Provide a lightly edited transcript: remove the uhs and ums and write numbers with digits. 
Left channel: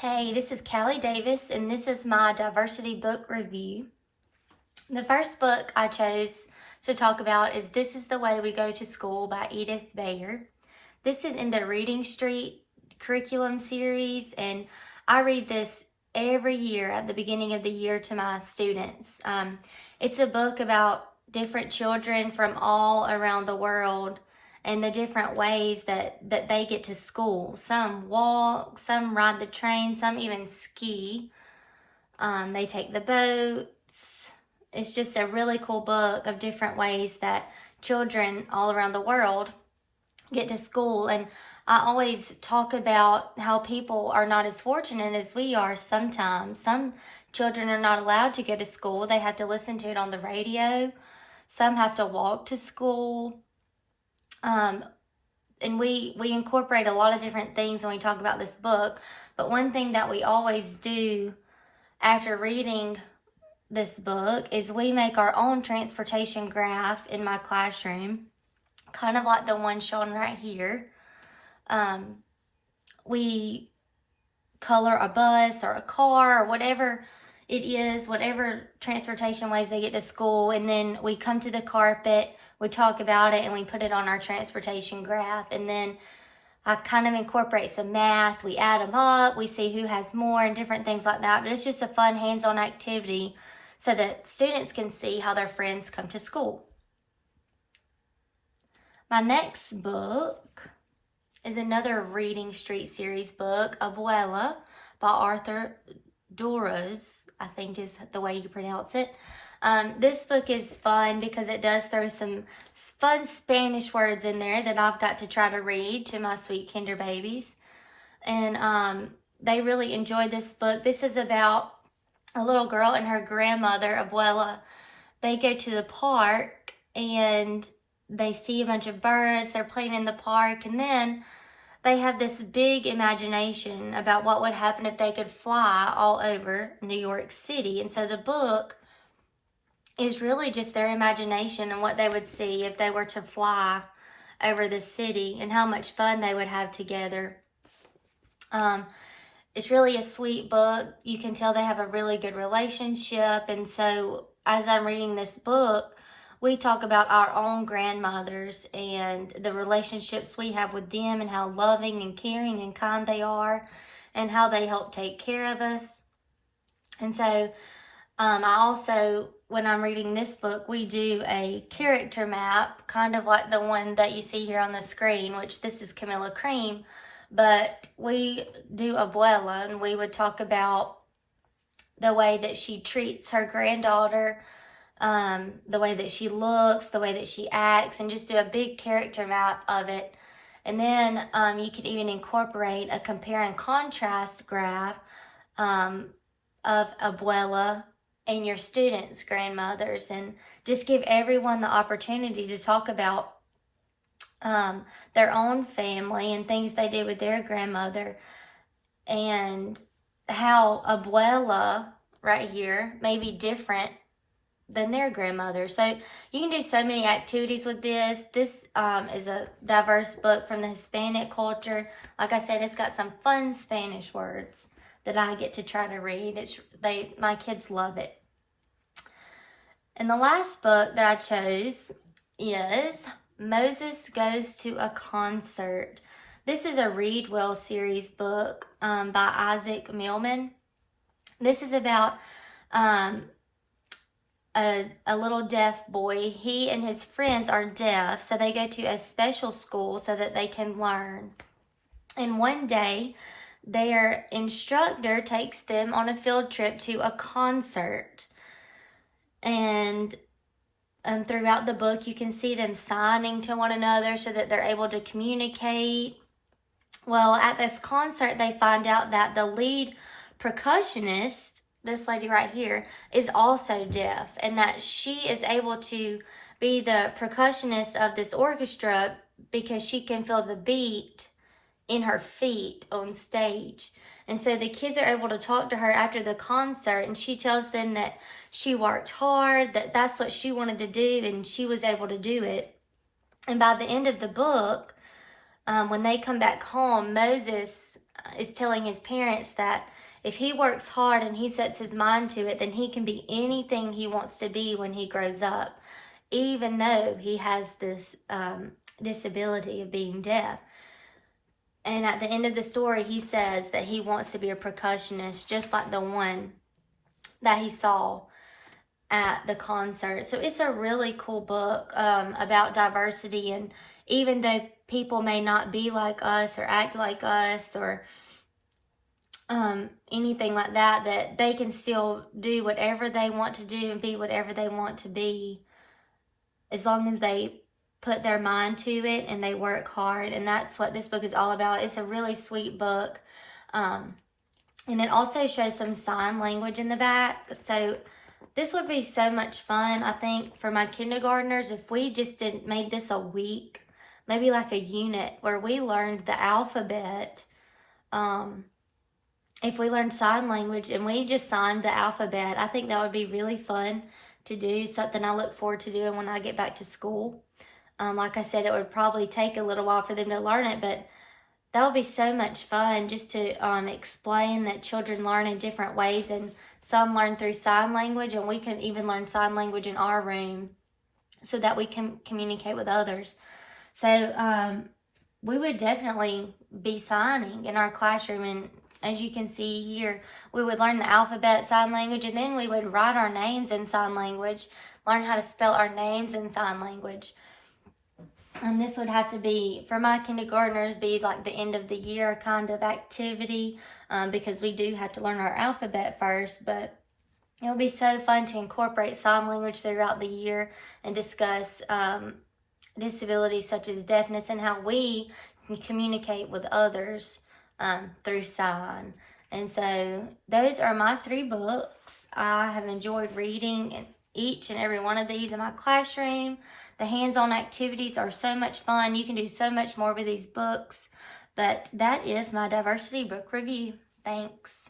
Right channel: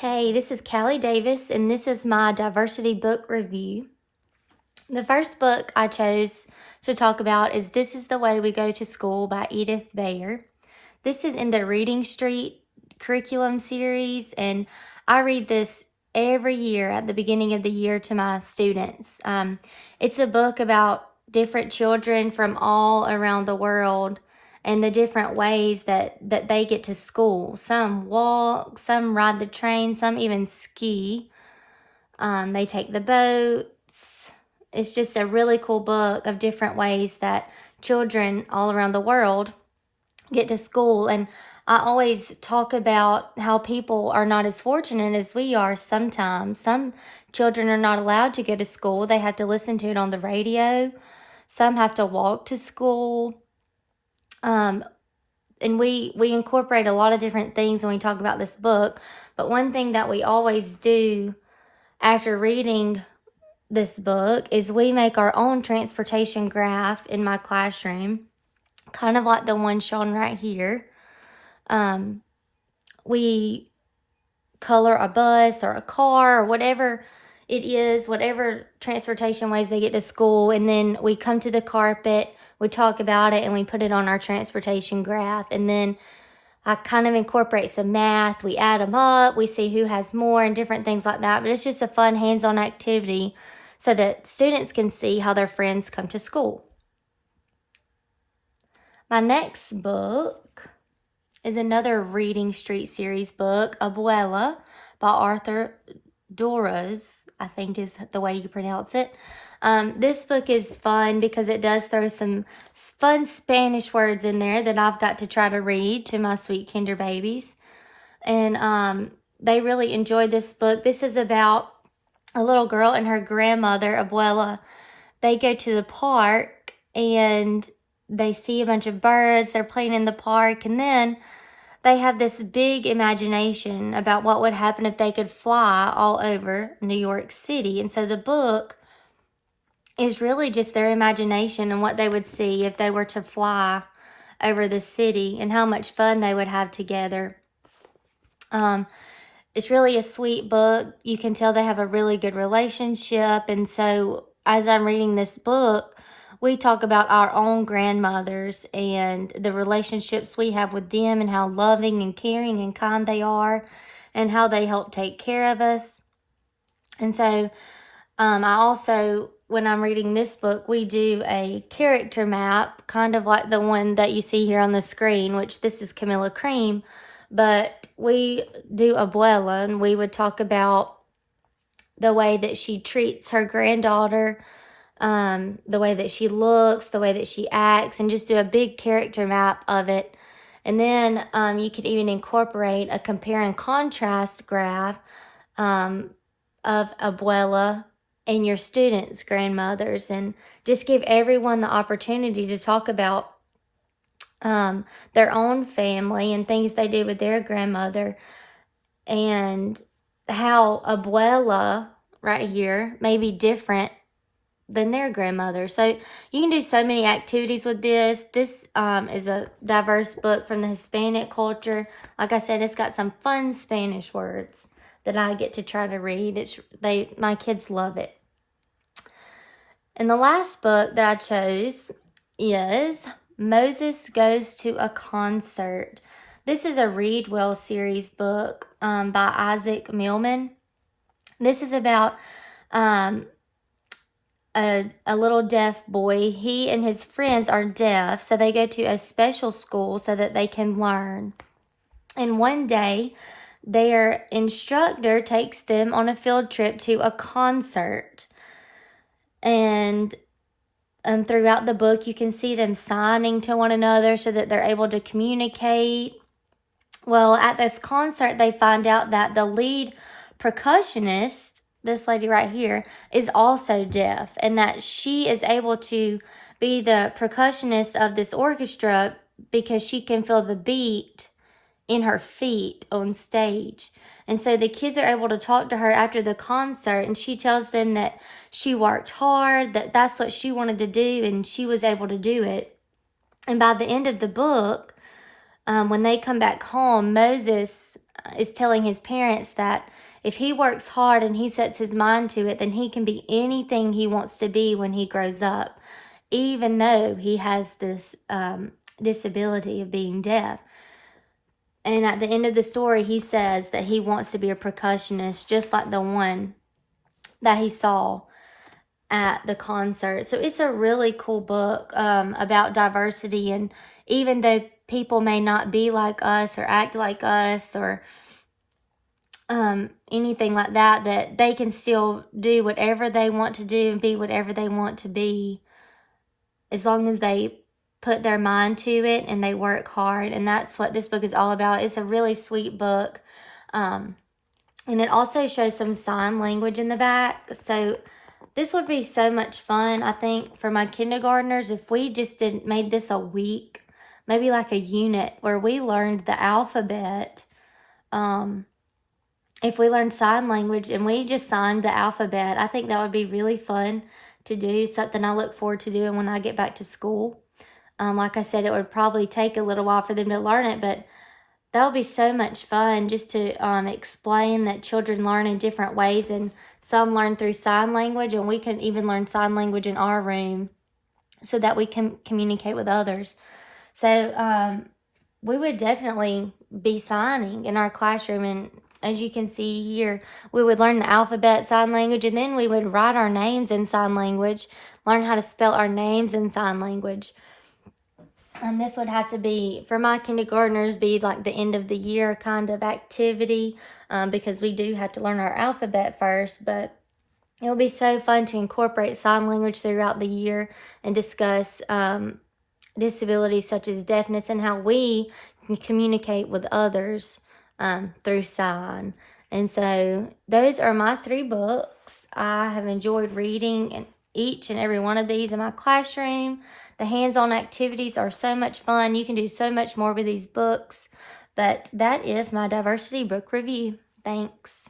Hey, this is Callie Davis, and this is my diversity book review. The first book I chose to talk about is This is the Way We Go to School by Edith Bayer. This is in the Reading Street curriculum series, and I read this every year at the beginning of the year to my students. It's a book about different children from all around the world and the different ways that they get to school. Some walk, some ride the train, some even ski. They take the boats. It's just a really cool book of different ways that children all around the world get to school. And I always talk about how people are not as fortunate as we are sometimes. Some children are not allowed to go to school, they have to listen to it on the radio. Some have to walk to school. And we incorporate a lot of different things when we talk about this book. But one thing that we always do after reading this book is we make our own transportation graph in my classroom, kind of like the one shown right here. We color a bus or a car or whatever it is, whatever transportation ways they get to school, and then we come to the carpet, we talk about it, and we put it on our transportation graph. And then I kind of incorporate some math, we add them up, we see who has more and different things like that. But it's just a fun hands-on activity so that students can see how their friends come to school. My next book is another Reading Street series book, Abuela by Arthur Dorrouz, I think is the way you pronounce it. This book is fun because it does throw some fun Spanish words in there that I've got to try to read to my sweet kinder babies. And they really enjoyed this book. This is about a little girl and her grandmother, Abuela. They go to the park and they see a bunch of birds. They're playing in the park, and then they have this big imagination about what would happen if they could fly all over New York City. And so the book is really just their imagination and what they would see if they were to fly over the city and how much fun they would have together. It's really a sweet book. You can tell they have a really good relationship. And so as I'm reading this book, we talk about our own grandmothers and the relationships we have with them and how loving and caring and kind they are and how they help take care of us. And so I also, when I'm reading this book, we do a character map, kind of like the one that you see here on the screen, which this is Camilla Cream. But we do Abuela, and we would talk about the way that she treats her granddaughter, the way that she looks, the way that she acts, and just do a big character map of it. And then you could even incorporate a compare and contrast graph of Abuela and your students' grandmothers, and just give everyone the opportunity to talk about their own family and things they do with their grandmother, and how Abuela right here may be different than their grandmother. So you can do so many activities with this. This is a diverse book from the Hispanic culture. Like I said, it's got some fun Spanish words that I get to try to read. My kids love it. And the last book that I chose is Moses Goes to a Concert. This is a Read Well series book by Isaac Millman. This is about a little deaf boy. He and his friends are deaf, so they go to a special school so that they can learn. And one day, their instructor takes them on a field trip to a concert. And throughout the book, you can see them signing to one another so that they're able to communicate. Well, at this concert, they find out that the lead percussionist, this lady right here, is also deaf, and that she is able to be the percussionist of this orchestra because she can feel the beat in her feet on stage. And so the kids are able to talk to her after the concert, and she tells them that she worked hard, that that's what she wanted to do, and she was able to do it. And by the end of the book, when they come back home, Moses is telling his parents that if he works hard and he sets his mind to it, then he can be anything he wants to be when he grows up, even though he has this disability of being deaf. And at the end of the story, he says that he wants to be a percussionist, just like the one that he saw at the concert. So it's a really cool book about diversity. And even though people may not be like us or act like us or anything like that, that they can still do whatever they want to do and be whatever they want to be, as long as they put their mind to it and they work hard. And that's what this book is all about. It's a really sweet book. And it also shows some sign language in the back. So this would be so much fun, I think, for my kindergartners if we just made this a week, maybe like a unit where we learned the alphabet. If we learned sign language and we just signed the alphabet, I think that would be really fun to do, something I look forward to doing when I get back to school. Like I said, it would probably take a little while for them to learn it, but that would be so much fun just to explain that children learn in different ways, and some learn through sign language, and we can even learn sign language in our room so that we can communicate with others. So we would definitely be signing in our classroom, and as you can see here, we would learn the alphabet, sign language, and then we would write our names in sign language, learn how to spell our names in sign language. And this would have to be, for my kindergartners, be like the end of the year kind of activity, because we do have to learn our alphabet first, but it will be so fun to incorporate sign language throughout the year and discuss disabilities such as deafness and how we can communicate with others through sign. And so those are my 3 books. I have enjoyed reading each and every one of these in my classroom. The hands-on activities are so much fun. You can do so much more with these books. But that is my diversity book review. Thanks.